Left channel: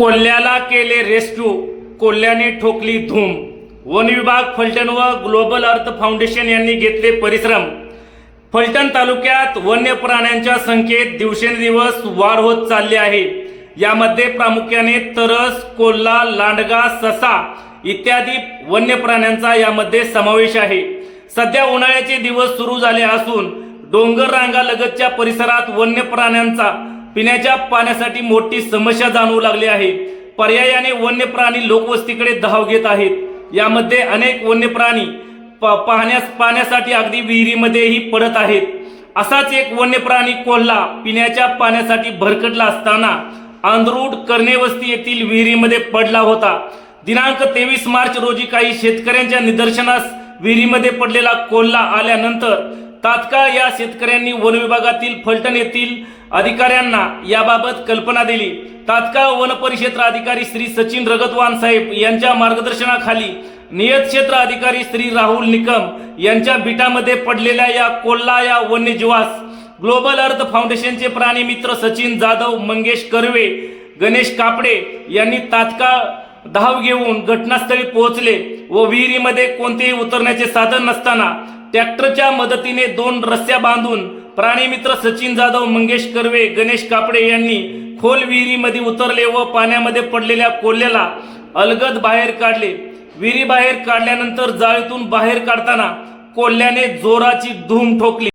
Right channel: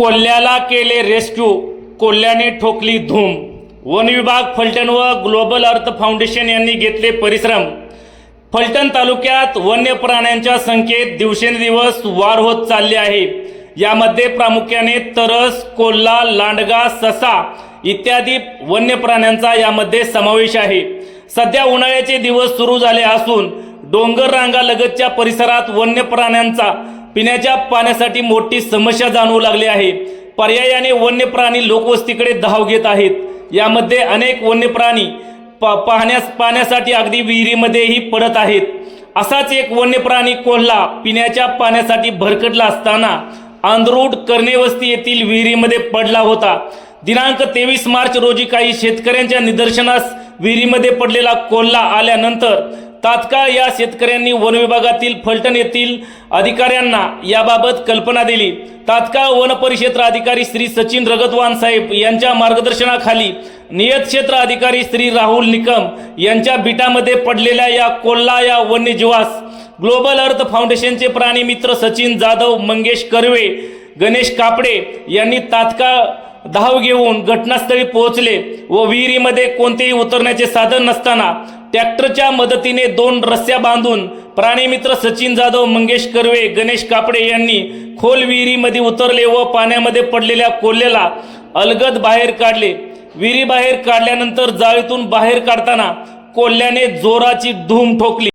कोल्ह्याला केले रेस्क्यू. कोल्ह्याने ठोकली धूम. वन विभाग फलटण व ग्लोबल अर्थ फाउंडेशन यांनी घेतले परिश्रम. फलटण तालुक्यात वन्य प्राण्यांच्या संख्येत दिवसेंदिवस वाढ होत चालली आहे. यामध्ये प्रामुख्याने तरस कोल्हा लांडगा ससा इत्यादी वन्य प्राण्यांचा यामध्ये समावेश आहे. सध्या उन्हाळ्याचे दिवस सुरू झाले असून डोंगर रांगालगतच्या परिसरात वन्य प्राण्यांचा पिण्याच्या पाण्यासाठी मोठी समस्या जाणवू लागली आहे. पर्यायाने वन्य प्राणी लोकवस्तीकडे धाव घेत आहेत. यामध्ये अनेक वन्य प्राणी प- पाहण्यास पाण्यासाठी अगदी विहिरीमध्येही पडत आहेत. असाच एक वन्य प्राणी कोल्हा पिण्याच्या पाण्यासाठी भरकटला असताना आंध्रूड कर्णेवस्ती येथील विहिरीमध्ये पडला होता. दिनांक तेवीस मार्च रोजी काही शेतकऱ्यांच्या निदर्शनास विहिरीमध्ये पडलेला कोल्हा आल्यानंतर तात्काळ या शेतकऱ्यांनी वन विभागातील फलटण येथील अधिकाऱ्यांना याबाबत कल्पना दिली. तात्काळ वन परिक्षेत्र अधिकारी श्री सचिन रगतवान साहेब यांच्या मार्गदर्शनाखाली नियत क्षेत्र अधिकारी श्री राहुल निकम यांच्या बिटामध्ये पडलेल्या या कोल्हा या वन्यजीवास ग्लोबल अर्थ फाउंडेशनचे प्राणी मित्र सचिन जाधव मंगेश कर्वे गणेश कापडे यांनी तात्काळ धाव घेऊन घटनास्थळी पोहोचले व विहिरीमध्ये कोणतेही उतरण्याचे साधन नसताना ट्रॅक्टरच्या मदतीने दोन रस्स्या बांधून प्राणीमित्र सचिन जाधव मंगेश कर्वे गणेश कापडे यांनी खोल विहिरीमध्ये उतरले व पाण्यामध्ये पडलेल्या कोल्ह्याला अलगद बाहेर काढले. विहिरी बाहेर काढल्यानंतर जाळीतून बाहेर काढताना कोल्ह्याने जोराची धूम ठोकली.